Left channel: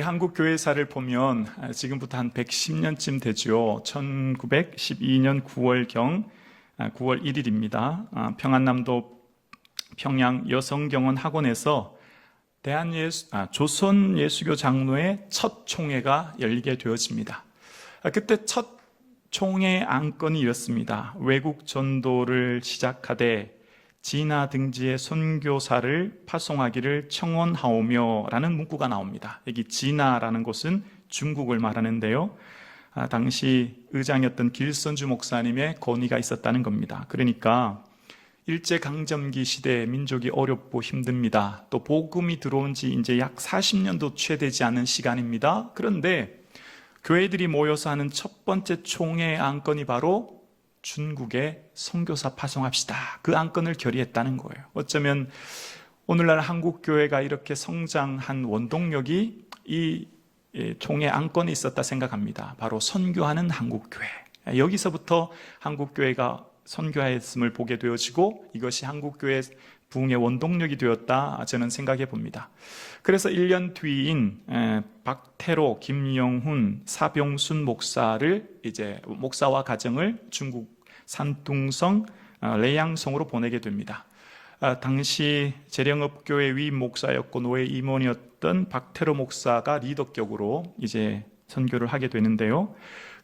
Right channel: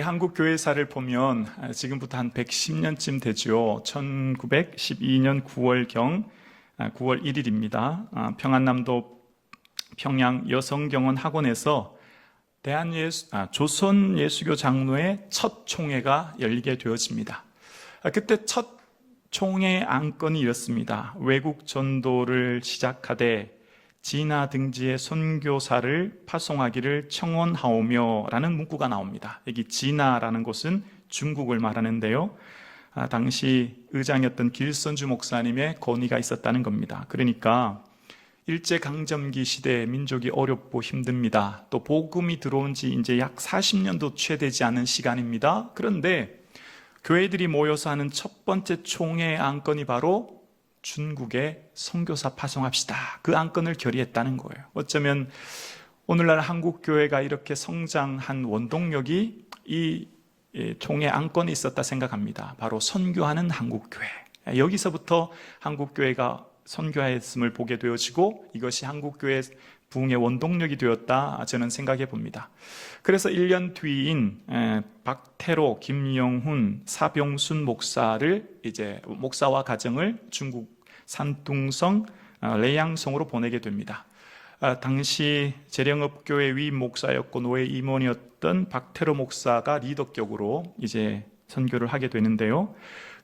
우리 한국 교회사를 보면 지금부터 한 110년쯤 되죠. 1912년 9월 1일입니다. 평안남도 평양 여성경원 학원에서 조선예수교 장로의 첫 총회가 열리게 되어집니다. 그때 첫 총회 안건이 이렇습니다. 외국 전도를 시작하되 진화 등지의 선교사를 파송하기를 청원하오며 라는 문구가 나옵니다. 여기 진화라는 곳은 중국을 말하는데요. 당시 의장이었던 길선주 목사님의 건의가 있었다는 겁니다. 그러니까 일제강점기 시대에 민족이 어렵고 힘듭니다. 또 복음이 들어온 지 이제 약 40년도 채 되지 않은 시간입니다. 그런데 교회들이 모여서 하는 첫 번째 총회 안건이 바로 중국에 선교사 파송합시다. 그 안건을 결의했다는 거예요. 어쩌면 오늘날 한국교회가 이렇게 성장한 원동력이 이 총회 안건에 있었다 생각합니다. 바로 선교하는 한국교회. 여기서부터 한국교회가 선교했음을 보게 되어지고 이것이 한국교회 부흥의 원동력이 되었다 저는 생각해 봅니다. 그래서 1년 뒤인 박태로, 김영훈, 사병순 목사와 가정을 중국 산둥성 레양성으로 보내게 됩니다. 당시 재령업교회 위임 목사였고 노예 임원이었던 박태로 목사가 리더격으로 이제 선교를 하게 되는데요.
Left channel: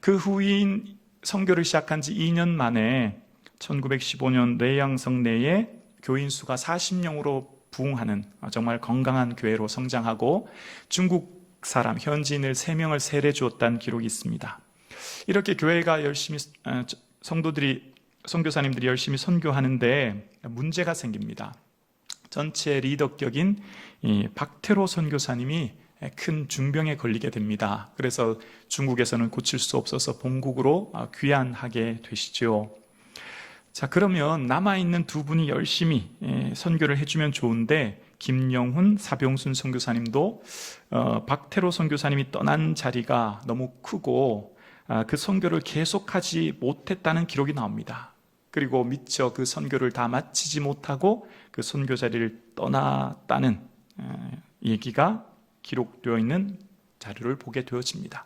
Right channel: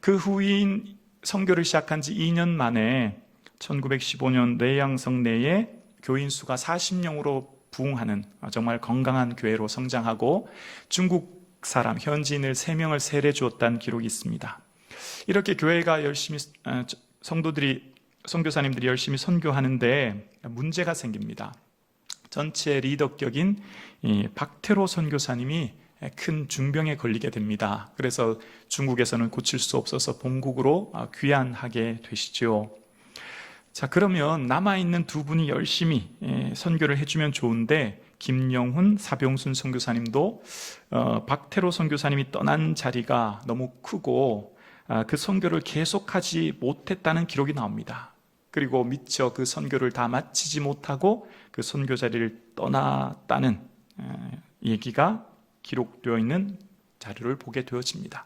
그 후인 선교를 시작한 지 2년 만에 1915년 레양성 내에 교인 수가 40명으로 부흥하는 정말 건강한 교회로 성장하고 중국 사람, 현지인을 3명을 세례 주었다는 기록이 있습니다. 이렇게 교회가 열심히 선교사님들이 열심히 선교하는데 문제가 생깁니다. 전체 리더격인 박태로 선교사님이 큰 중병에 걸리게 됩니다. 그래서 중국에서는 고칠 수 없어서 본국으로 귀환하게 되시죠. 자, 그러면 남아있는 두 분이 열심히 선교를 해주면 좋은데 김영훈, 사병순 선교사님도 박태로 선교사님이 떠난 자리가 너무 크고 그 선교를 계속하지 못했다는 기록이 나옵니다. 그리고 미처 그 선교를 다 마치지 못하고 그 선교 자리를 떠났다는 얘기가 기록되어 있는 자료를 보게 되어집니다.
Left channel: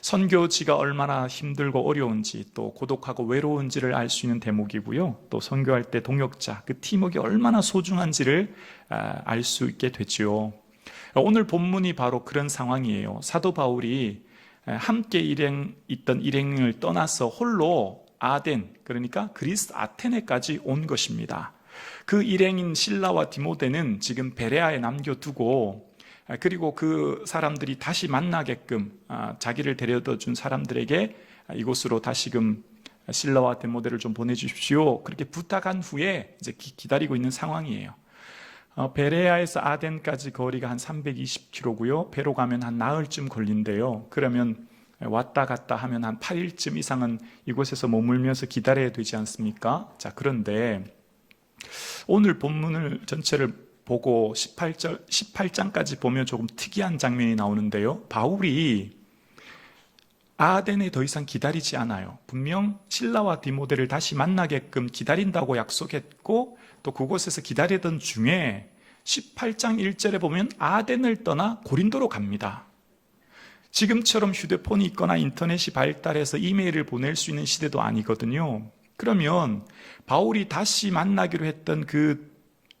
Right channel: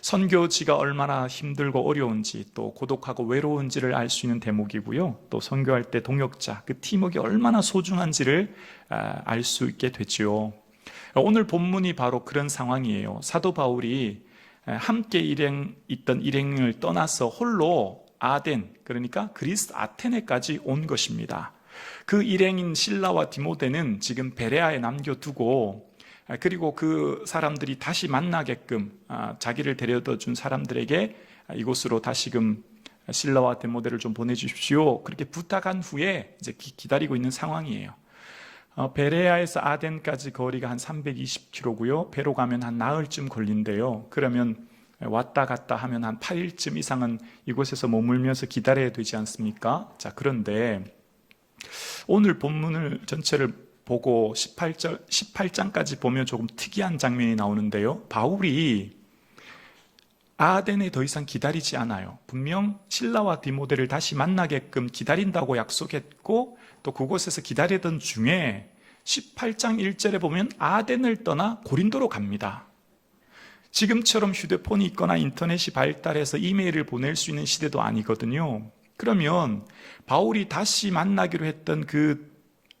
선교지가 얼마나 힘들고 어려운지 또 고독하고 외로운지를 알 수 있는 대목이고요. 또 선교할 때 동역자, 그 팀워크가 얼마나 소중한지를 알 수 있게 되죠. 오늘 본문이 바로 그런 상황이에요. 사도 바울이 함께 있던 일행을 떠나서 홀로 아덴, 그러니까 그리스 아테네까지 온 것입니다. 그 일행인 실라와 디모데는 지금 베레아에 남겨두고 그리고 그 사람들이 다시 만나게끔 자기를 데려다 준 사람들에게 이곳으로 다시금 실라와 디모데를 좀 보내주십시오. 그렇게 부탁한 후에 이제 기다리고 있는 상황이에요. 베레아에서 아덴까지 거리가 한 320km고요. 배로 가면 한 나흘쯤 걸린대요. 그러면 왔다 갔다 하면 한 8일쯤 이상은 이곳에서 머물면서 기다려야 되지 않습니까? 자, 그런데 오늘 본문을 전체를 보고 18장까지 보면 조금 특이한 장면이 나오는데요. 바울이 아덴에 더 이상 기다리지 않아요. 분명 실라와 디모데를 다시 만나게끔 기다린다고 약속했고 또 그곳에서 기다리던 중에 18장 1절에 보면 아덴을 떠나 고린도로 갑니다. 지금처럼 휴대폰이 있거나 인터넷이 발달해서 이메일을 보낼 수 있는 시대도 아니거든요. 그러면 바울이 다시 만나기로 했던 그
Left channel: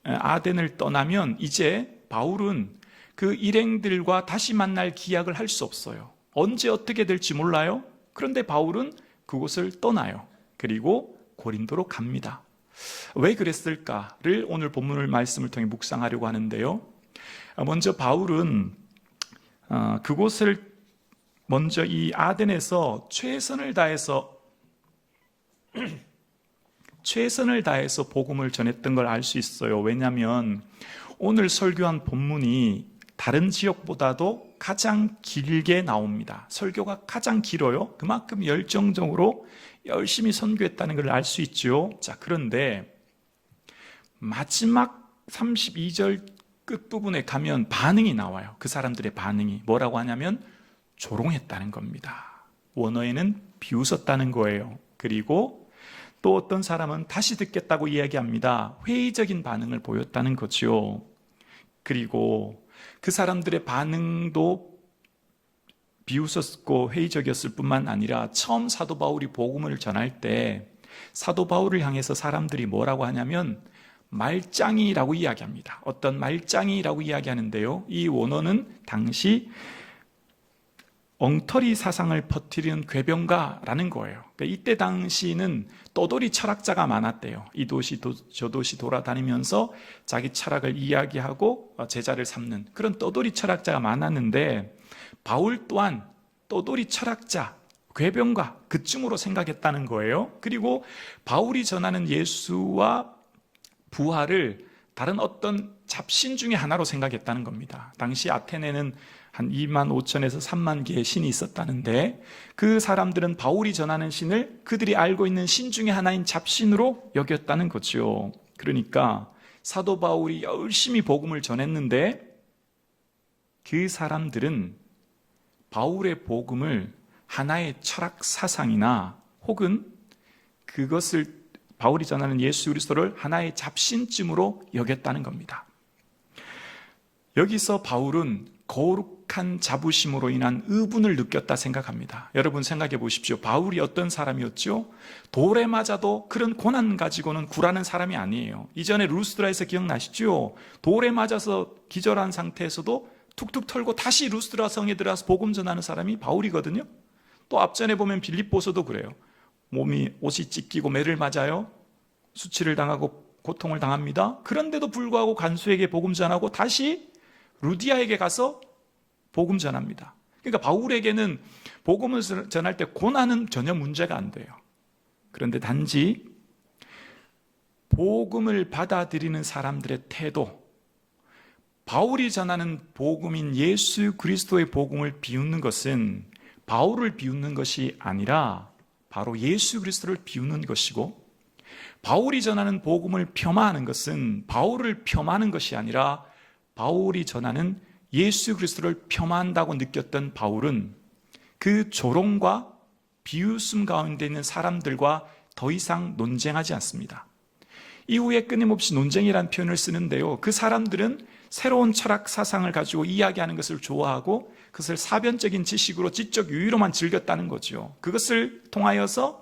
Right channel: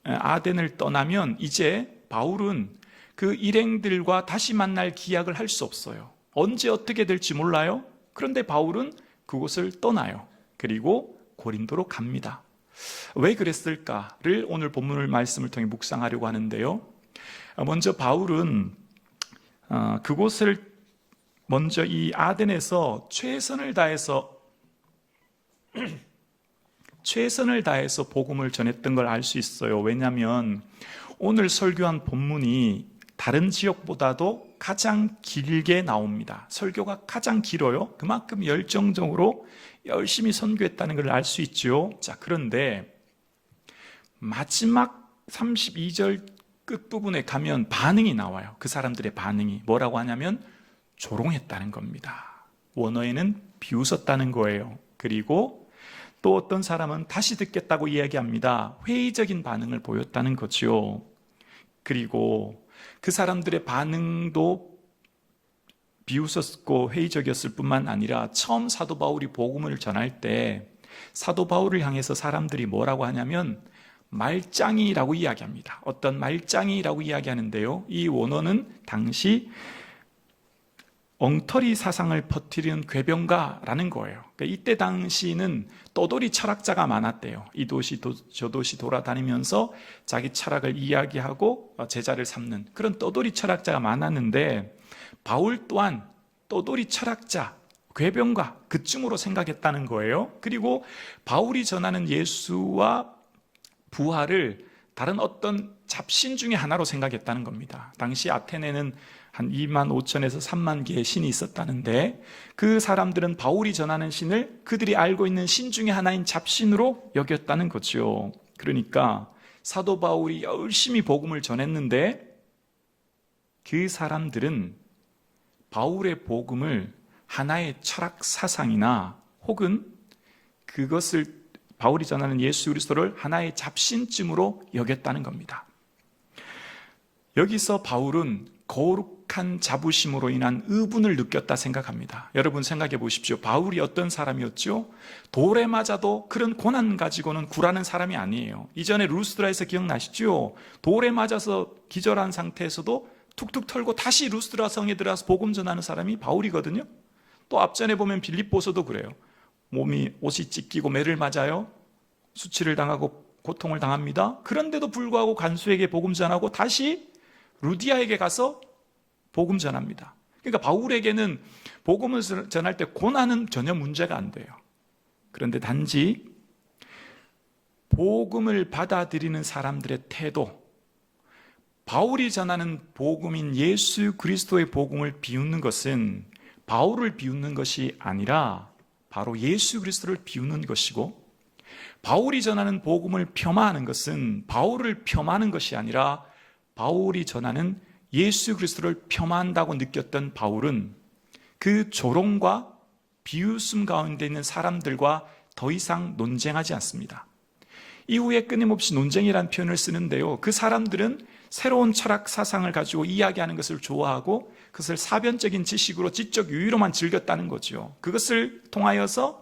아덴을 떠나면 이제 바울은 그 일행들과 다시 만날 기약을 할 수 없어요. 언제 어떻게 될지 몰라요. 그런데 바울은 그곳을 떠나요. 그리고 고린도로 갑니다. 왜 그랬을까를 오늘 본문을 말씀을 통해 묵상하려고 하는데요. 먼저 바울은 그곳을 먼저 이 아덴에서 최선을 다해서 복음을 전했던 걸 알 수 있어요. 왜냐하면 오늘 설교한 본문이 다른 지역보다도 가장 길게 나옵니다. 설교가 가장 길어요. 그만큼 열정적으로 열심히 선교했다는 걸 알 수 있죠. 자, 그런데 마지막 32절 끝부분에 가면 반응이 나와요. 그 사람들의 반응이 뭐라고 하냐면 조롱했다는 겁니다. 원어에는 비웃었다는 거예요. 그리고 또 어떤 사람은 다시 듣겠다고 이야기합니다. 회의적인 반응을 보였다는 거죠. 그리고 그 사람들의 반응도 비웃었고 회의적이었을 뿐만 아니라 처음 사도 바울이 복음을 전할 때 사도 바울을 향해서 사람들이 뭐라고 하냐면 말짱이라고 이야기합니다. 어떤 말짱이라고 이야기하는데요. 이 원어는 당시 엉터리 사상을 퍼뜨리는 궤변가라는 거예요. 그러니까 이때 당시는 떠돌이 철학자가 많았대요. 이 도시 저 도시 돌아다니면서 자기 철학을 이야기하고 제자를 삼는 그런 떠돌이 철학자가 많았는데 바울 또한 떠돌이 철학자, 궤변가 그쯤으로 생각했다는 거예요. 그리고 바울이 전하는 예수와 부활을 다른 어떤 잡신 중에 하나로 생각했다는 겁니다. 당시 아테네는 한 2만 5천에서 3만 개의 신이 있었다는데 그 사람들은 바울이 전하는 신을 그들이 알고 있는 신 중에 하나인 잡신으로 여겼다는 거죠. 그러니까 사도 바울이 열심히 복음을 전했는데 그 사람들은 바울의 복음을 하나의 철학 사상이나 혹은 그것을 바울이 전하는 예수 그리스도를 하나의 잡신쯤으로 여겼다는 겁니다. 여기서 바울은 거룩한 자부심으로 인한 의분을 느꼈다 생각합니다. 여러분 생각해 보십시오. 바울이 어떤 사람이었죠? 돌에 맞아도 그런 고난 가지고는 굴하는 사람이 아니에요. 이전에 루스드라에서 기억나시죠? 돌에 맞아서 기절한 상태에서도 툭툭 털고 다시 루스드라 성에 들어가서 복음 전하는 사람이 바울이거든요. 또 앞전에 보면 빌립보서도 그래요. 옷이 찢기고 매를 맞아요. 수치를 당하고 고통을 당합니다. 그런데도 불구하고 간수에게 복음 전하고 다시 루디아에게 가서 복음 전합니다. 그러니까 바울에게는 복음을 전할 때 고난은 전혀 문제가 안 돼요. 그런데 단지 복음을 받아들이는 사람들의 태도, 바울이 전하는 복음인 예수 그리스도의 복음을 비웃는 것은 바울을 비웃는 것이 아니라 바로 예수 그리스도를 비웃는 것이고, 바울이 전하는 복음을 폄하하는 것은 바울을 폄하하는 것이 아니라 바울이 전하는 예수 그리스도를 폄하한다고 느꼈던 바울은 그 조롱과 비웃음 가운데 있는 사람들과 더 이상 논쟁하지 않습니다. 이후에 끊임없이 논쟁이라는 표현을 쓰는데요. 그 사람들은 새로운 철학 사상을 가지고 이야기하는 것을 좋아하고 그것을 사변적인 지식으로 지적 유의로만 즐겼다는 거죠. 그것을 통하여서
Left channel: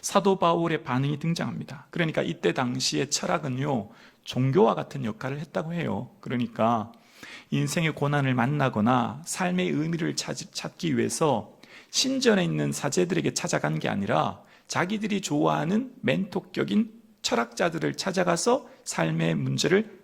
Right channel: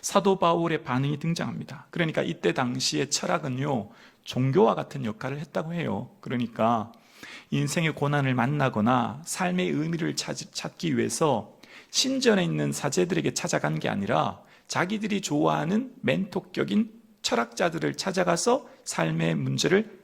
사도 바울의 반응이 등장합니다. 그러니까 이때 당시의 철학은요, 종교와 같은 역할을 했다고 해요. 그러니까 인생의 고난을 만나거나 삶의 의미를 찾기 위해서 신전에 있는 사제들에게 찾아간 게 아니라 자기들이 좋아하는 멘토격인 철학자들을 찾아가서 삶의 문제를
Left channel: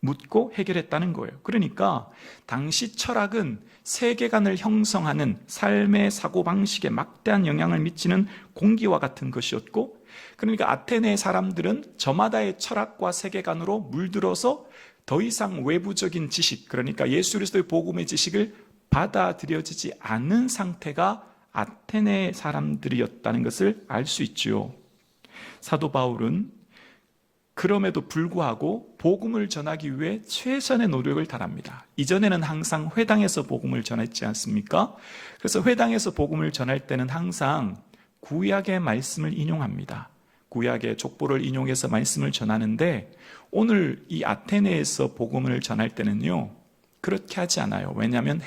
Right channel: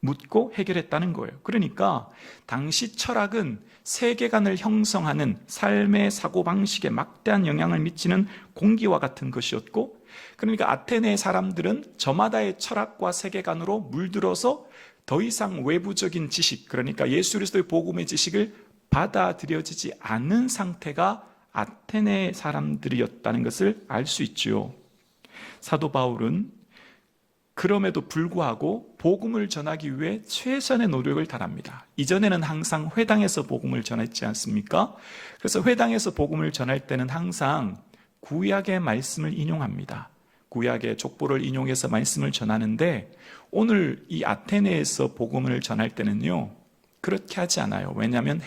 묻고 해결했다는 거예요. 그러니까 당시 철학은 세계관을 형성하는 삶의 사고방식에 막대한 영향을 미치는 공기와 같은 것이었고, 그러니까 아테네 사람들은 저마다의 철학과 세계관으로 물들어서 더 이상 외부적인 지식, 그러니까 예수 그리스도의 복음의 지식을 받아들여지지 않는 상태가 아테네 사람들이었다는 것을 알 수 있죠. 사도 바울은 그럼에도 불구하고 복음을 전하기 위해 최선의 노력을 다합니다. 이전에는 항상 회당에서 복음을 전했지 않습니까? 그래서 회당에서 복음을 전할 때는 항상 구약의 말씀을 인용합니다. 구약의 족보를 인용해서 말씀을 전하는데 오늘 이 아테네에서 복음을 전할 때는요, 그렇게 하지 않아요. 왜냐하면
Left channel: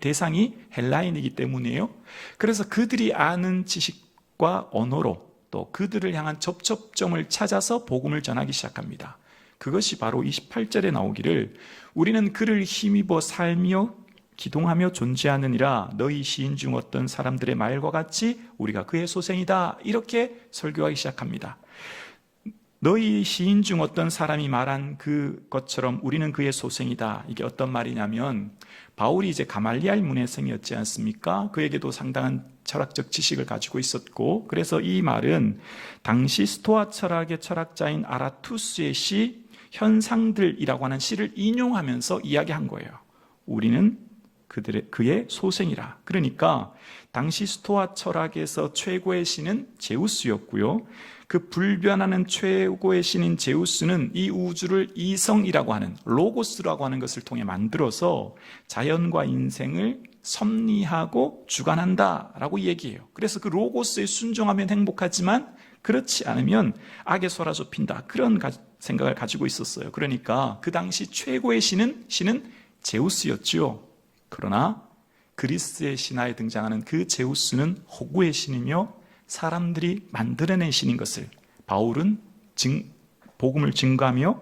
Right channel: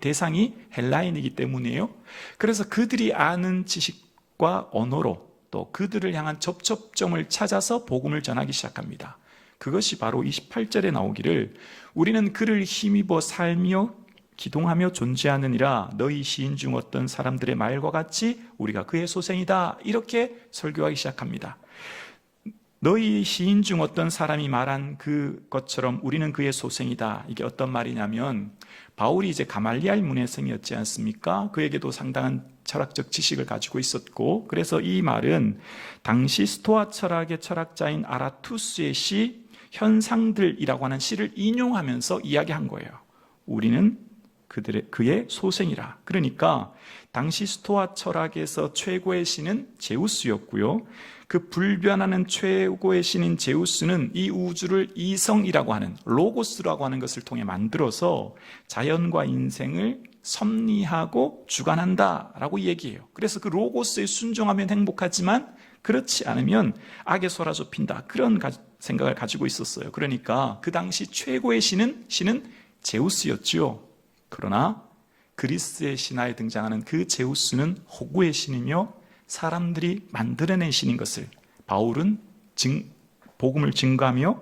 대상이 헬라인이기 때문이에요. 그래서 그들이 아는 지식과 언어로 또 그들을 향한 접촉점을 찾아서 복음을 전하기 시작합니다. 그것이 바로 28절에 나오기를 우리는 그를 힘입어 살며 기동하며 존재하느니라 너희 시인 중 어떤 사람들의 말과 같이 우리가 그의 소생이다, 이렇게 설교하기 시작합니다. 너희 시인 중 어떤 사람이 말한 그것처럼 우리는 그의 소생이다. 이게 어떤 말이냐면 바울이 이제 가말리알 문해생이었지 않습니까? 그에게도 상당한 철학적 지식을 가지고 있었고, 그래서 이 말은 당시 스토아 철학의 철학자인 아라투스의 시 현상들이라고 하는 시를 인용하면서 이야기한 거예요. 우리는 그의 소생이라. 그러니까 당시 스토아 철학에서 최고의 신은 제우스였고요. 그 불변하는 최고의 신인 제우스는 이 우주를 이성이라고 하는 로고스라고 하는 것을 통해 만들어서 자연과 인생을 섭리하고 주관한다라고 얘기해요. 그래서 그 로고스에 순종하면 행복하지만 그렇지 않으면 악에 사로잡힌다, 그런 생각을 가지고 있었어요. 그러니까 그 당시 최고의 신은 제우스였죠. 그러나 그리스의 신화에 등장하는 그 제우스는 허구의 신이며 사람들이 만들어낸 신인 것을 바울은 복음을 증거하며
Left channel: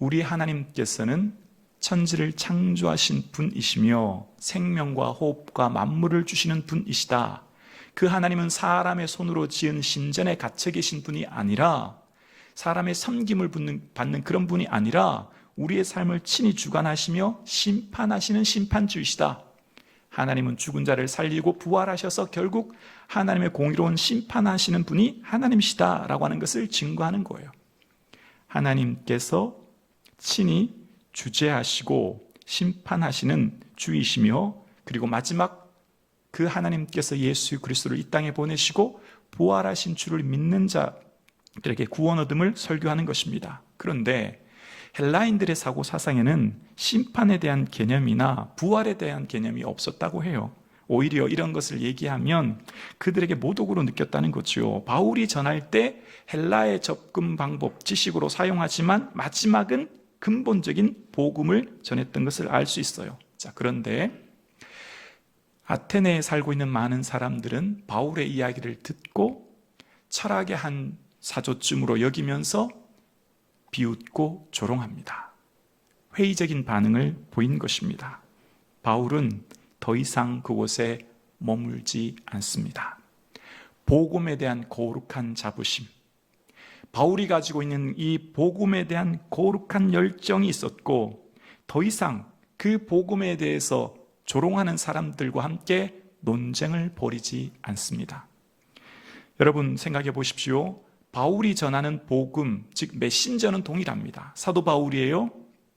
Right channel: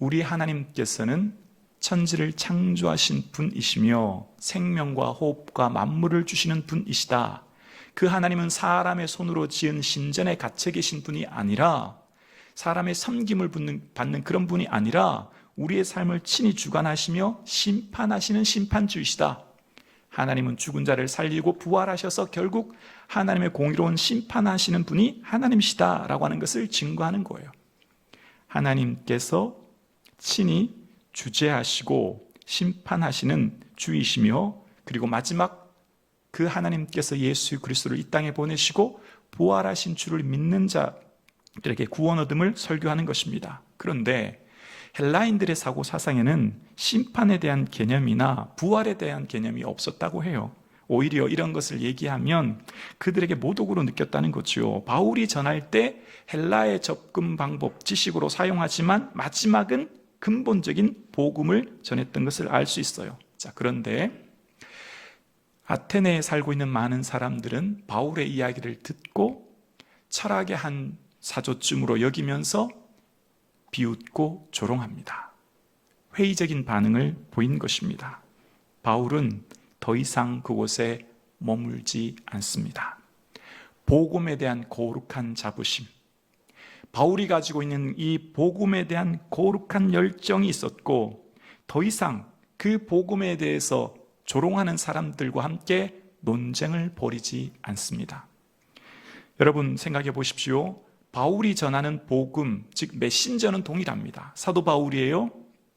우리 하나님께서는 천지를 창조하신 분이시며 생명과 호흡과 만물을 주시는 분이시다. 그 하나님은 사람의 손으로 지은 신전에 갇혀 계신 분이 아니라 사람의 섬김을 받는 그런 분이 아니라 우리의 삶을 친히 주관하시며 심판하시는 심판주이시다. 하나님은 죽은 자를 살리고 부활하셔서 결국 하나님의 공의로운 심판하시는 분이 하나님이시다라고 하는 것을 증거하는 거예요. 하나님께서 친히 주재하시고 심판하시는 주이시며 그리고 마지막 그 하나님께서 예수 그리스도를 이 땅에 보내시고 부활하신 주를 믿는 자들에게 구원 얻음을 설교하는 것입니다. 그런데 헬라인들의 사고 사상에는 심판에 대한 개념이나 부활에 대한 개념이 없었다고 해요. 오히려 이런 것을 얘기하면 그들에게 모독으로 느꼈다는 거죠. 바울이 전할 때 헬라의 접근 방법, 지식으로 사용하지만 마지막은 근본적인 복음을 전했던 것을 알 수 있어요. 자, 그런데 아테네에 살고 있는 많은 사람들은 바울의 이야기를 듣고 철학의 한 사조쯤으로 여기면서 비웃고 조롱합니다. 회의적인 반응을 보인 것입니다. 바울은 더 이상 그곳에 머물지 않습니다. 복음에 대한 거룩한 자부심, 바울이 가지고 있는 이 복음에 대한 거룩한 열정이 있었고 더 이상 그 복음에 대해서 조롱하는 사람들과 함께 논쟁을 벌이지 않습니다. 여러분 생각해 보십시오. 바울이 전하는 복음, 즉 메신저는 동일합니다. 사도 바울이에요.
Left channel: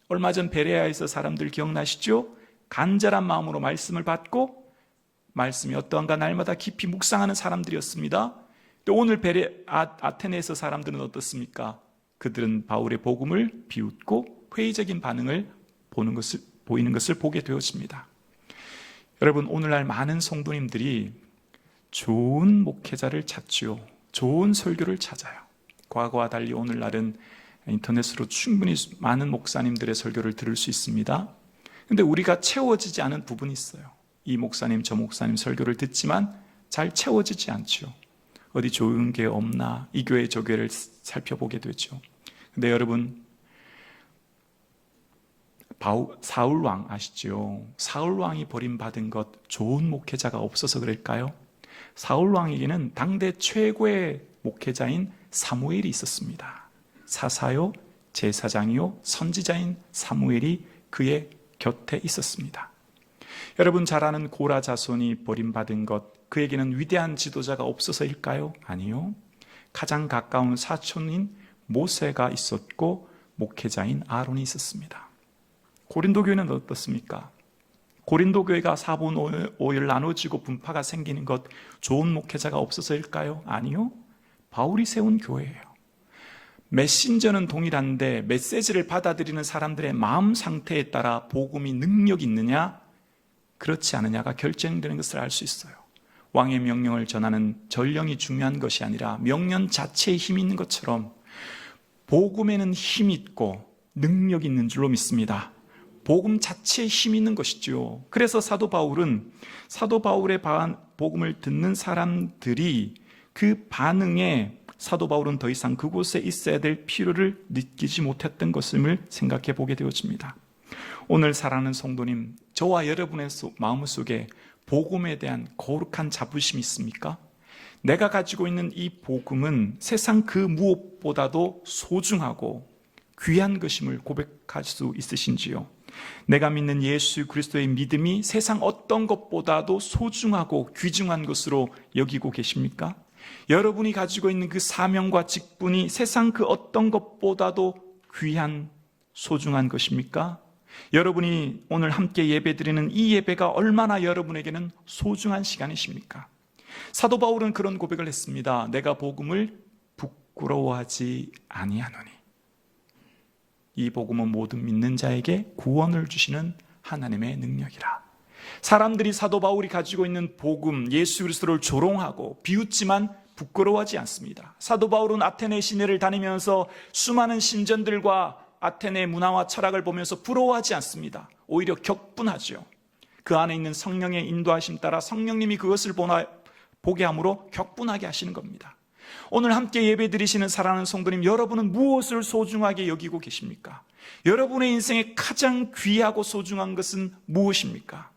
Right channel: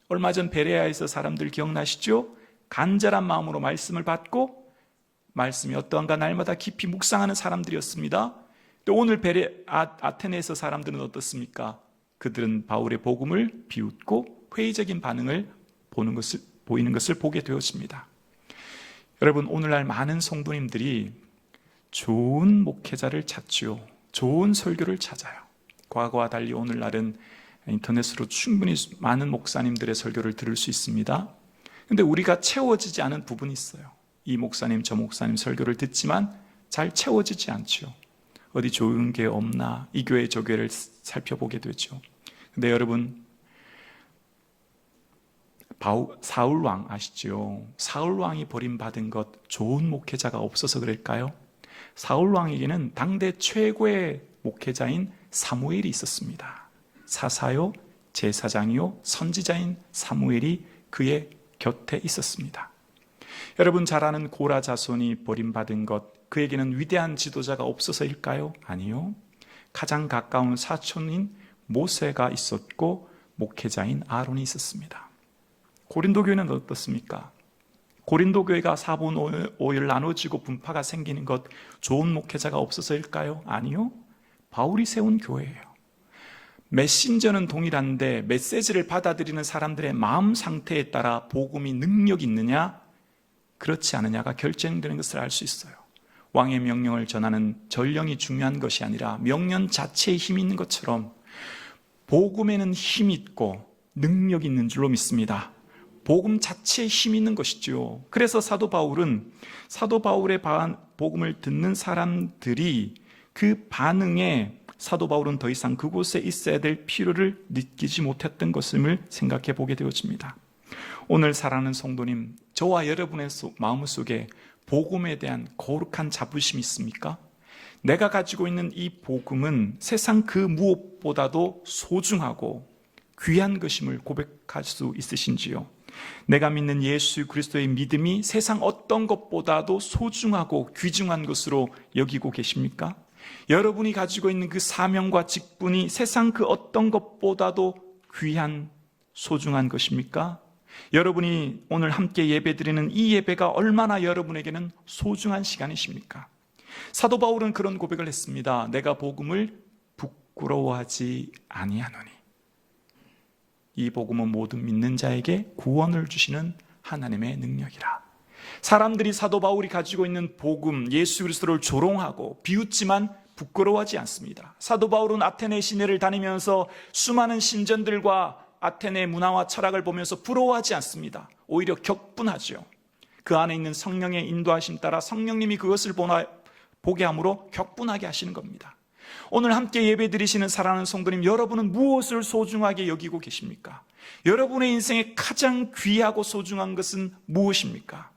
얼마 전 베레아에서 사람들 기억나시죠? 간절한 마음으로 말씀을 받고 말씀이 어떠한가 날마다 깊이 묵상하는 사람들이었습니다. 또 오늘 아테네에서 사람들은 어떻습니까? 그들은 바울의 복음을 비웃고 회의적인 반응을 보이는 것을 보게 되었습니다. 여러분, 오늘날 많은 성도님들이 좋은 목회자를 찾죠. 좋은 설교를 찾아요. 과거와 달리 오늘날은 인터넷으로 충분히 많은 목사님들의 설교를 들을 수 있습니다. 그런데 우리가 채워지지 않은 부분이 있어요. 이 목사님 저 목사님 설교를 듣지만 잘 채워지지 않죠. 어디 좋은 게 없나 이 교회 저 교회를 살펴보게 되죠. 그런데 여러분, 사울왕 아시죠? 사울왕이 버림받은 것 좋은 목회자가 없어서 그럴까요? 사울왕에게는 당대 최고의 목회자인 사무엘이 있었습니다. 사사요, 제사장이요, 선지자인 사무엘이 그의 곁에 있었습니다. 여러분 잘 아는 고라 자손이 버림받은 것, 그에게는 위대한 지도자가 없어서일까요? 아니요. 가장 가까운 사촌인 모세가 있었고 목회자인 아론이 있었습니다. 고린도 교회는 어떻습니까? 고린도 교회가 4분 5일 나눠지고 분파가 생기는 것 좋은 목회자가 없어서일까요? 아니요. 바울이 세운 교회예요. 메신저는 동일한데 메시지를 받아들이는 사람들의 마음 상태에 따라 복음이 능력 있느냐 그렇지 않느냐가 결정되는 것을 알 수 있어요. 왕의 명령을 전하는 전령이 중요한 것이 아니라 명령 자체에 힘이 있는 것처럼 복음에는 힘이 있고 능력이 있는 줄로 믿습니다. 복음 자체에 힘이 있는 것이죠. 그래서 사도 바울의 복음을 듣는 사람들이 그 반응에 사도 바울은 더 이상 그곳에 있어야 될 필요를 느끼지 못했던 것임을 생각해 보게 되어집니다. 오늘 사랑하는 성도님, 저와 여러분의 마음속에 복음에 대한 거룩한 자부심이 있습니까? 내가 가지고 있는 이 복음은 세상 그 무엇보다도 소중하고 귀한 것임을 고백할 수 있으신지요? 내가 믿는 예수 그리스도의 믿음이 세상 어떤 것보다도 소중하고 귀중한 것으로 여기고 계십니까? 여러분이 가지고 있는 그 사명과 직분이 세상 그 어떤 것보다도 귀한 소중한 것입니까? 여러분이 오늘 함께 예배드리는 이 예배가 얼마나 여러분에게는 소중한 시간이십니까? 사도 바울은 그런 고백을 했습니다. 내가 복음을 부끄러워하지 아니하노니. 이 복음은 모든 믿는 자에게 구원을 주시는 하나님의 능력이라. 사람들이 사도 바울이 가지고 있는 복음, 예수 그리스도를 조롱하고 비웃지만 부끄러워하지 않습니다. 사도 바울은 아테네 시내를 다니면서 수많은 신전들과 아테네 문화와 철학을 보면서 부러워하지 않습니다. 오히려 격분하죠. 그 안에 있는 성령의 인도하심 따라 성령님이 그것을 보게 함으로 격분하게 하시는 겁니다. 오늘 함께 예배드리시는 사랑하는 성도님, 여러분은 무엇을 소중하게 여기고 계십니까? 여러분의 인생에 가장 귀하고 소중한 것은 무엇입니까?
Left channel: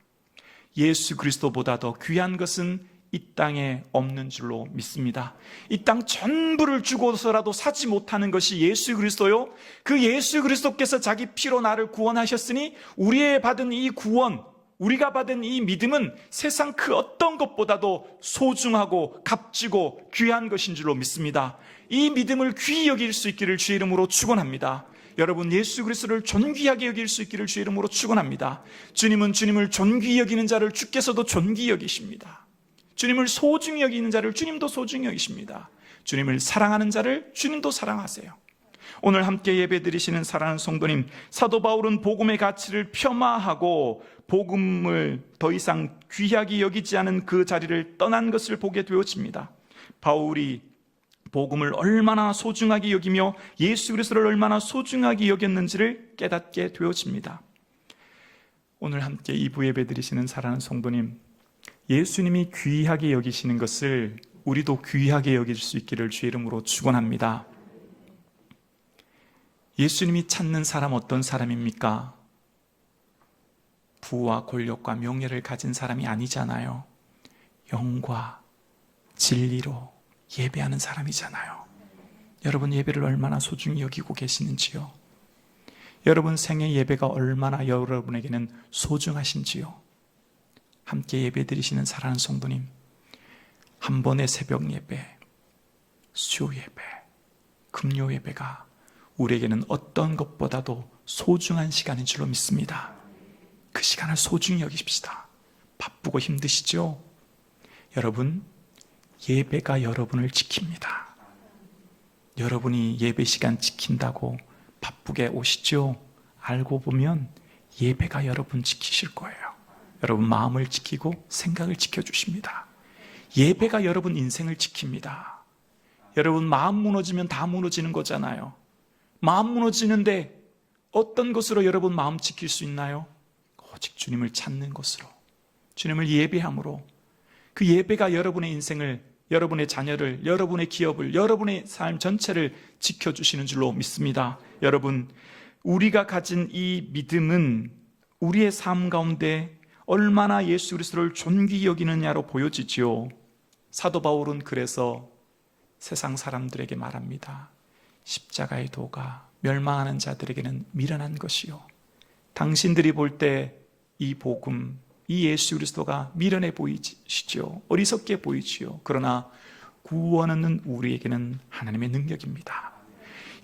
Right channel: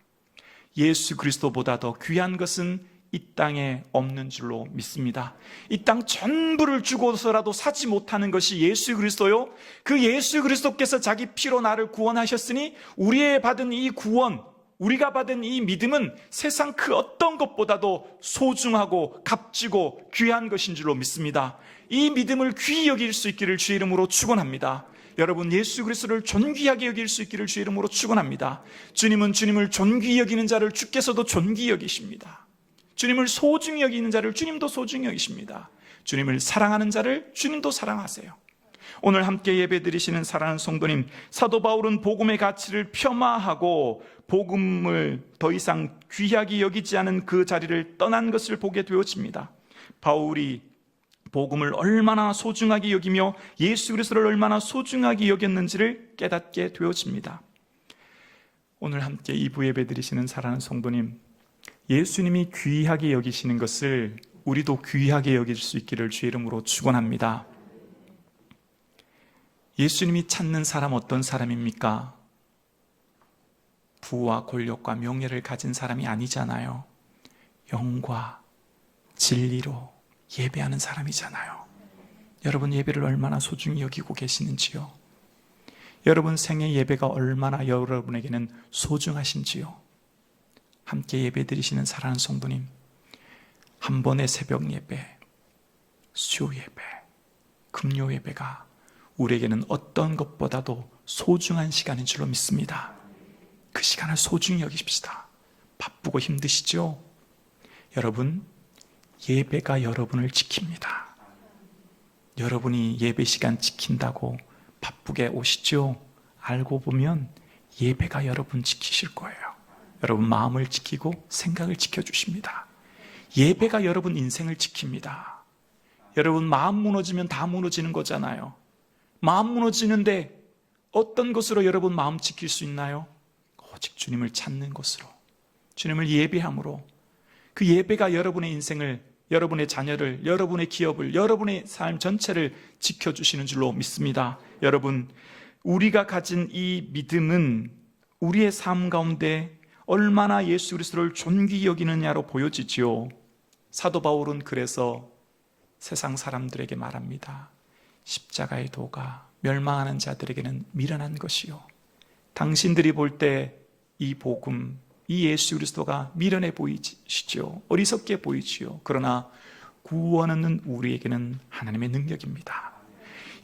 예수 그리스도보다 더 귀한 것은 이 땅에 없는 줄로 믿습니다. 이 땅 전부를 주고서라도 사지 못하는 것이 예수 그리스도요. 그 예수 그리스도께서 자기 피로 나를 구원하셨으니 우리의 받은 이 구원, 우리가 받은 이 믿음은 세상 그 어떤 것보다도 소중하고 값지고 귀한 것인 줄로 믿습니다. 이 믿음을 귀히 여길 수 있기를 주의 이름으로 축원합니다. 여러분, 예수 그리스도를 존귀하게 여길 수 있기를 주의 이름으로 축원합니다. 주님은 주님을 존귀히 여기는 자를 주께서도 존귀히 여기십니다. 주님을 소중히 여기는 자를 주님도 소중히 여기십니다. 주님을 사랑하는 자를 주님도 사랑하세요. 오늘 함께 예배드리시는 사랑하는 성도님, 사도 바울은 복음의 가치를 폄하하고 복음을 더 이상 귀하게 여기지 않은 그 자리를 떠난 것을 보게 되어집니다. 바울이 복음을 얼마나 소중하게 여기며 예수 그리스도를 얼마나 소중하게 여겼는지를 깨닫게 되어집니다. 오늘 함께 2부 예배드리시는 사랑하는 성도님, 예수님이 귀하게 여기시는 것을 우리도 귀하게 여길 수 있기를 주의 이름으로 축원합니다. 예수님이 찾는 사람 어떤 사람입니까? 부와 권력과 명예를 가진 사람이 아니잖아요. 영과 진리로 예배하는 사람이잖아요. 여러분, 예배를 얼마나 소중히 여기고 계시는지요? 여러분 생애 예배가 얼마나 여러분에게는 소중하신지요? 함께 예배 드리시는 사랑하는 성도님, 한 번의 새벽 예배, 수요 예배, 금요 예배가 우리에게는 어떤 것보다도 소중한 시간인 줄로 믿습니다. 그 시간을 소중히 여기십시다. 바쁘고 힘드시죠? 여러분, 예배가 여러분을 지킵니다. 여러분이 예배 시간 지킨다고 바쁘게 오시죠? 알고 보면 예배가 여러분 지키실 거예요. 여러분 마음을 지키고 생각을 지켜주십니다. 예배가 여러분 인생을 지킵니다. 여러분 마음 무너지면 다 무너지는 거잖아요. 마음 무너지는데 어떤 것으로 여러분 마음 지킬 수 있나요? 오직 주님을 찾는 것으로, 주님을 예배함으로. 그 예배가 여러분의 인생을, 여러분의 자녀를, 여러분의 기업을, 여러분의 삶 전체를 지켜주시는 줄로 믿습니다. 여러분, 우리가 가진 이 믿음은 우리의 삶 가운데 얼마나 예수 그리스도를 존귀히 여기느냐로 보여지지요. 사도 바울은 그래서 세상 사람들에게 말합니다. 십자가의 도가 멸망하는 자들에게는 미련한 것이요, 당신들이 볼 때 이 복음, 이 예수 그리스도가 미련해 보이시죠. 어리석게 보이지요. 그러나 구원은 우리에게는 하나님의 능력입니다.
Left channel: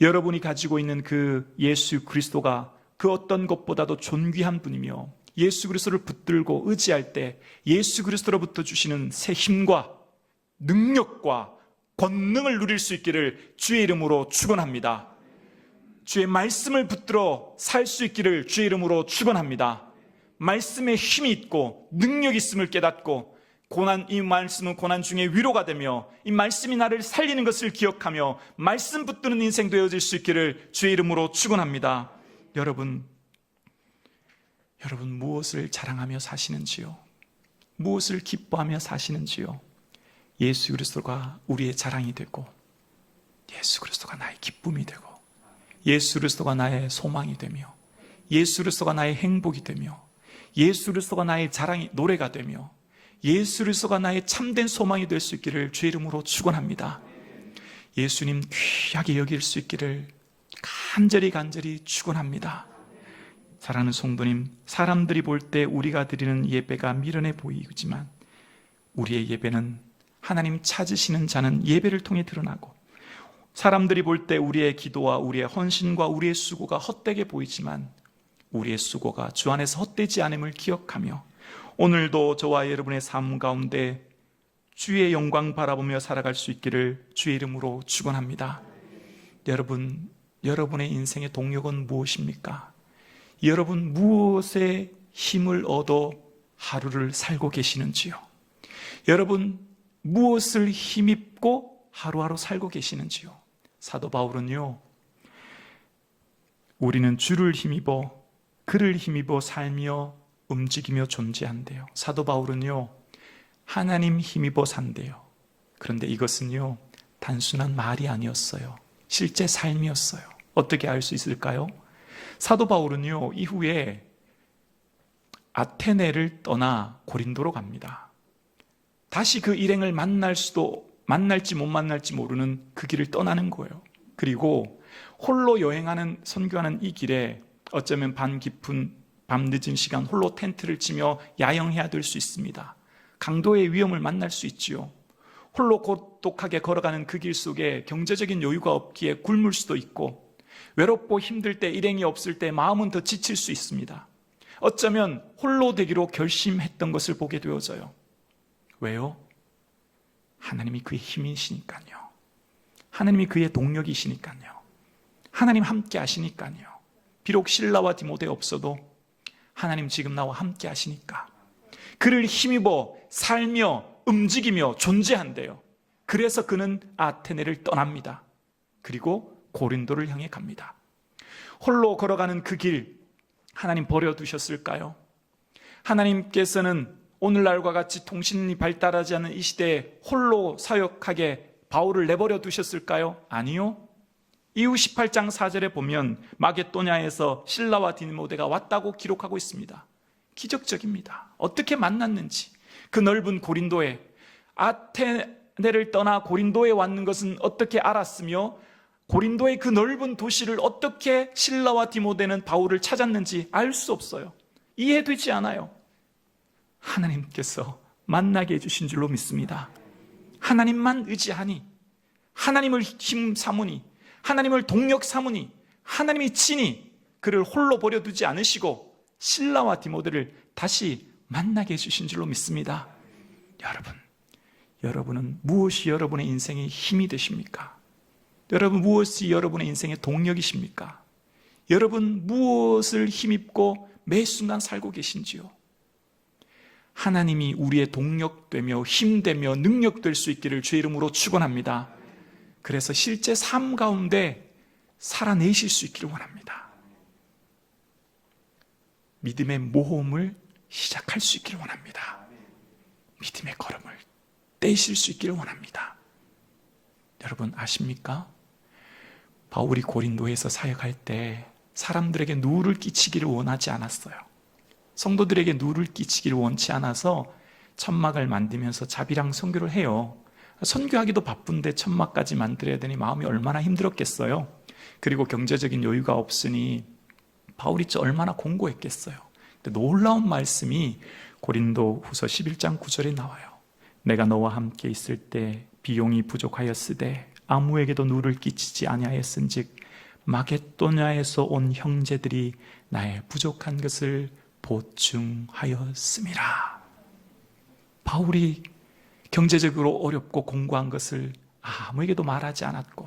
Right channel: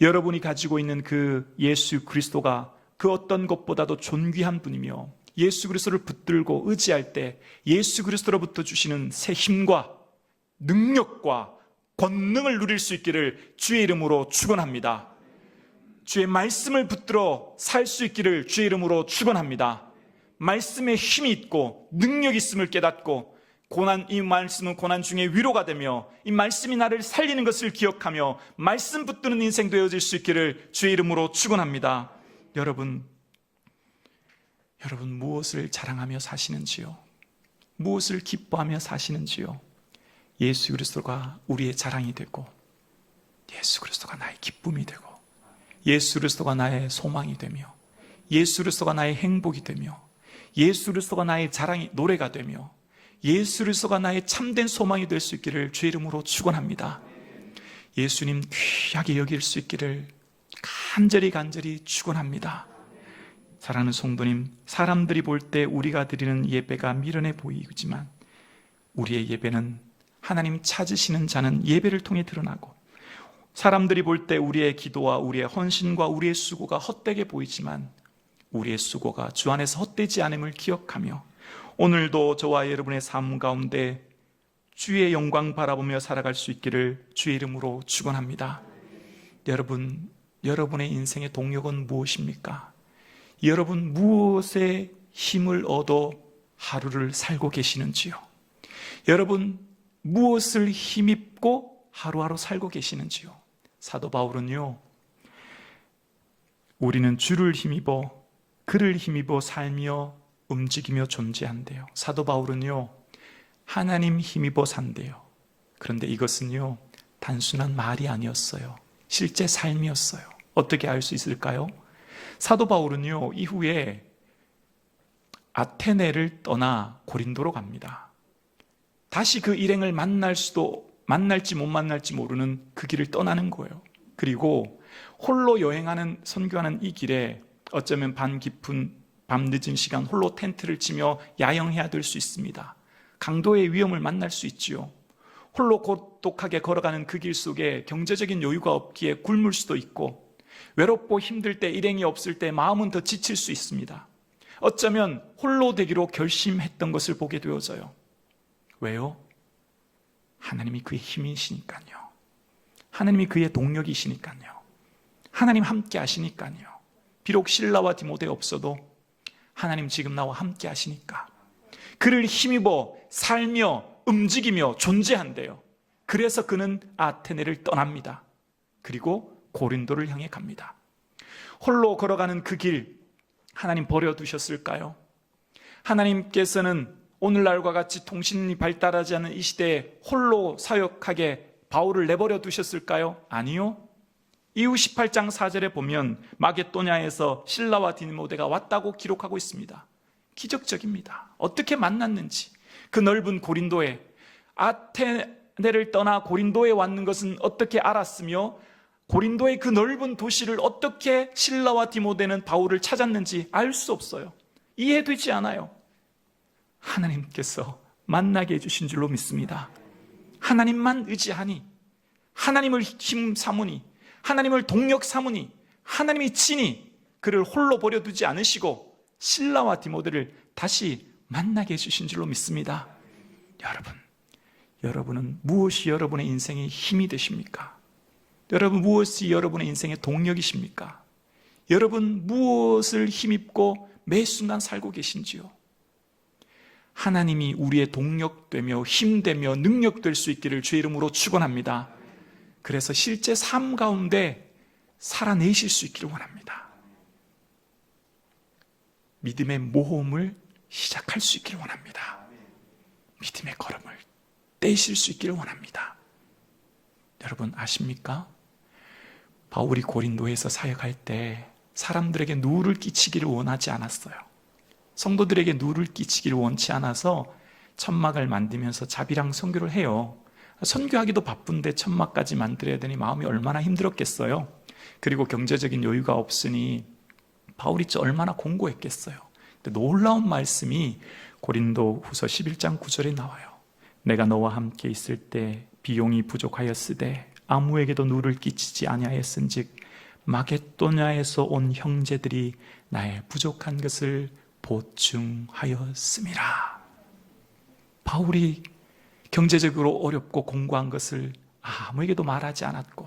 여러분이 가지고 있는 그 예수 그리스도가 그 어떤 것보다도 존귀한 분이며, 예수 그리스도를 붙들고 의지할 때 예수 그리스도로부터 주시는 새 힘과 능력과 권능을 누릴 수 있기를 주의 이름으로 축원합니다. 주의 말씀을 붙들어 살 수 있기를 주의 이름으로 축원합니다. 말씀에 힘이 있고 능력이 있음을 깨닫고, 이 말씀은 고난 중에 위로가 되며 이 말씀이 나를 살리는 것을 기억하며 말씀 붙드는 인생 되어질 수 있기를 주의 이름으로 축원합니다. 여러분 무엇을 자랑하며 사시는지요? 무엇을 기뻐하며 사시는지요? 예수 그리스도가 우리의 자랑이 되고, 예수 그리스도가 나의 기쁨이 되고, 예수 그리스도가 나의 소망이 되며, 예수 그리스도가 나의 행복이 되며, 예수 그리스도가 나의 자랑이 노래가 되며, 예수 그리스도가 나의 참된 소망이 될 수 있기를 주의 이름으로 축원합니다. 예수님 귀하게 여길 수 있기를 간절히 축원합니다. 사랑하는 성도님, 사람들이 볼 때 우리가 드리는 예배가 미련해 보이지만 우리의 예배는 하나님 찾으시는 자는 예배를 통해 드러나고, 사람들이 볼 때 우리의 기도와 우리의 헌신과 우리의 수고가 헛되게 보이지만 우리의 수고가 주 안에서 헛되지 않음을 기억하며, 오늘도 저와 여러분의 삶 가운데 주의 영광 바라보며 살아갈 수 있기를 주의 이름으로 축원합니다. 여러분의 인생의 동력은 무엇입니까? 여러분 무엇에 힘을 얻어 하루를 살고 계시는지요? 여러분 무엇을 힘입고 하루하루 살고 계시는지요? 사도 바울은요, 우리는 주를 힘입어 그를 힘입어 살며 움직이며 존재한대요. 사도 바울은요, 하나님 힘입어 산대요. 그런데 이것은요, 단순한 말이 아니었어요. 실제 삶이었어요. 어떻게 알 수 있을까요? 사도 바울은요, 이후에 아테네를 떠나 고린도로 갑니다. 다시 그 일행을 만날지 못 만날지 모르는 그 길을 떠나는 거예요. 그리고 홀로 여행하는, 선교하는 이 길에 어쩌면 밤 늦은 시간 홀로 텐트를 치며 야영해야 될 수 있습니다. 강도의 위험을 만날 수 있지요. 홀로 고독하게 걸어가는 그 길 속에 경제적인 여유가 없기에 굶을 수도 있고, 외롭고 힘들 때, 일행이 없을 때 마음은 더 지칠 수 있습니다. 어쩌면 홀로 되기로 결심했던 것을 보게 되어져요. 왜요? 하나님이 그의 힘이시니까요. 하나님이 그의 동력이시니까요. 하나님 함께 하시니까요. 비록 실라와 디모데 없어도 하나님 지금 나와 함께 하시니까 그를 힘입어 살며 움직이며 존재한대요. 그래서 그는 아테네를 떠납니다. 그리고 고린도를 향해 갑니다. 홀로 걸어가는 그 길, 하나님 버려두셨을까요? 하나님께서는 오늘날과 같이 통신이 발달하지 않은 이 시대에 홀로 사역하게 바울을 내버려 두셨을까요? 아니요. 이후 18장 4절에 보면 마게도냐에서 실라와 디모데가 왔다고 기록하고 있습니다. 기적적입니다. 어떻게 만났는지, 그 넓은 고린도에, 아테네를 떠나 고린도에 왔는 것은 어떻게 알았으며, 고린도의 그 넓은 도시를 어떻게 실라와 디모데는 바울을 찾았는지 알 수 없어요. 이해되지 않아요. 하나님께서 만나게 해주신 줄로 믿습니다. 하나님만 의지하니, 하나님을 힘 삼으니, 하나님을 동력 삼으니, 하나님이 친히 그를 홀로 버려두지 않으시고 실라와 디모데를 다시 만나게 해주신 줄로 믿습니다. 여러분은 무엇이 여러분의 인생의 힘이 되십니까? 여러분, 무엇이 여러분의 인생의 동력이십니까? 여러분, 무엇을 힘입고 매 순간 살고 계신지요? 하나님이 우리의 동력되며 힘되며 능력될 수 있기를 주의 이름으로 축원합니다. 그래서 실제 삶 가운데 살아내실 수 있기를 원합니다. 믿음의 모험을 시작할 수 있기를 원합니다. 믿음의 걸음을 떼실 수 있기를 원합니다. 여러분 아십니까? 바울이 고린도에서 사역할 때 사람들에게 누를 끼치기를 원하지 않았어요. 성도들에게 누를 끼치기를 원치 않아서 천막을 만들면서 자비랑 선교를 해요. 선교하기도 바쁜데 천막까지 만들어야 되니 마음이 얼마나 힘들었겠어요. 그리고 경제적인 여유가 없으니 바울이 얼마나 공고했겠어요. 근데 놀라운 말씀이 고린도 후서 11장 9절에 나와요. 내가 너와 함께 있을 때 비용이 부족하였으되 아무에게도 누를 끼치지 아니하였은즉 마게도냐에서 온 형제들이 나의 부족한 것을 보충하였음이라. 바울이 경제적으로 어렵고 공고한 것을 아무에게도 말하지 않았고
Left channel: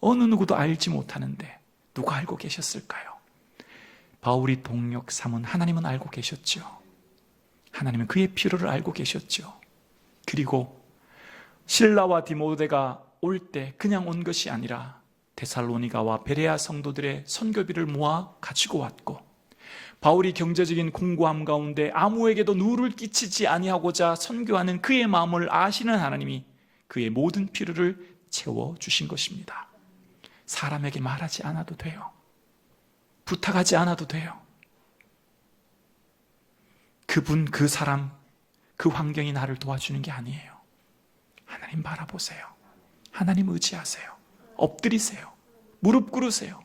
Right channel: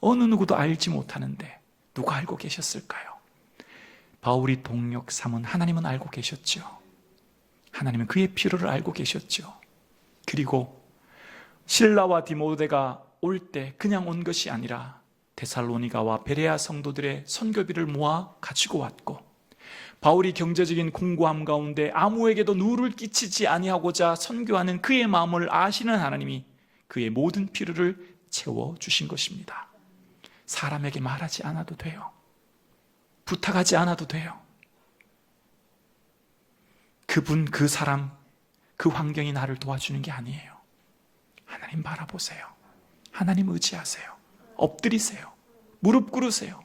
어느 누구도 알지 못하는데 누가 알고 계셨을까요? 바울이 동력 삼은 하나님은 알고 계셨죠. 하나님은 그의 필요를 알고 계셨죠. 그리고 실라와 디모데가 올 때 그냥 온 것이 아니라 데살로니가와 베레아 성도들의 선교비를 모아 가지고 왔고, 바울이 경제적인 공고함 가운데 아무에게도 누를 끼치지 아니하고자 선교하는 그의 마음을 아시는 하나님이 그의 모든 필요를 채워주신 것입니다. 사람에게 말하지 않아도 돼요. 부탁하지 않아도 돼요. 그분, 그 사람, 그 환경이 나를 도와주는 게 아니에요. 하나님 바라보세요. 하나님 의지하세요. 엎드리세요. 무릎 꿇으세요.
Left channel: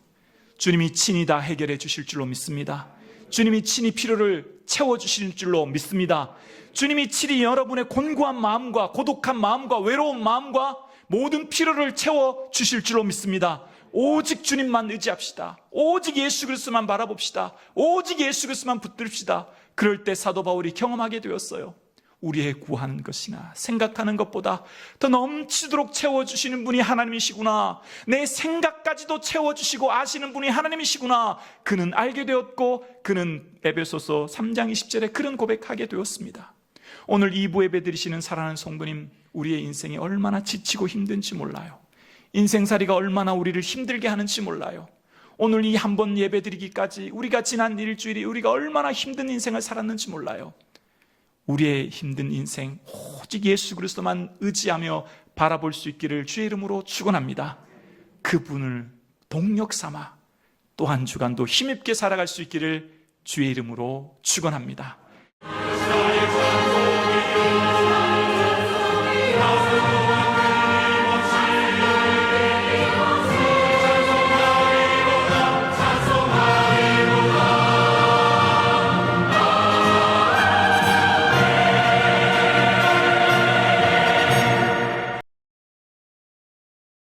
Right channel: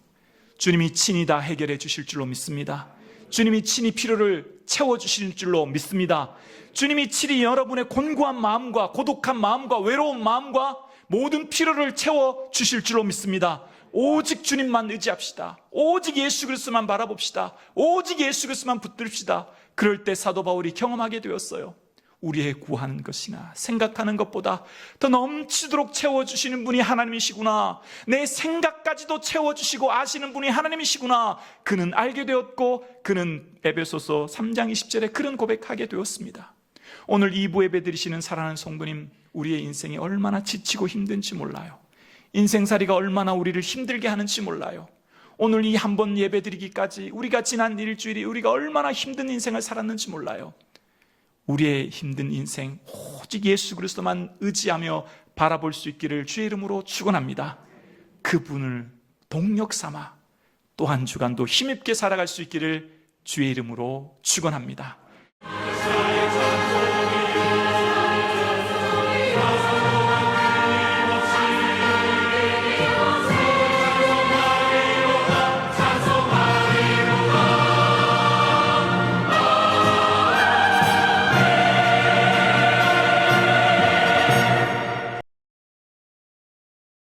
주님이 친히 다 해결해 주실 줄로 믿습니다. 주님이 친히 필요를 채워주실 줄로 믿습니다. 주님이 친히 여러분의 곤고한 마음과 고독한 마음과 외로운 마음과 모든 필요를 채워주실 줄로 믿습니다. 오직 주님만 의지합시다. 오직 예수 그리스도만 바라봅시다. 오직 예수 그리스도만 붙듭시다. 그럴 때 사도 바울이 경험하게 되었어요. 우리의 구하는 것이나 생각하는 것보다 더 넘치도록 채워주시는 분이 하나님이시구나. 내 생각까지도 채워주시고 아시는 분이 하나님이시구나. 그는 알게 되었고 그는 에베소서 3장 20절에 그런 고백하게 되었습니다. 오늘 2부 예배 드리시는 사랑하는 성도님, 우리의 인생이 얼마나 지치고 힘든지 몰라요. 인생살이가 얼마나 우리를 힘들게 하는지 몰라요. 오늘 이 한 번 예배드리기까지 우리가 지난 일주일이 우리가 얼마나 힘든 인생을 살았는지 몰라요. 우리의 힘든 인생 오직 예수 그리스도만 의지하며 바라볼 수 있기를 주의 이름으로 축원합니다. 그분을 동력 삼아 또 한 주간도 힘있게 살아갈 수 있기를 주의 이름으로 축원합니다.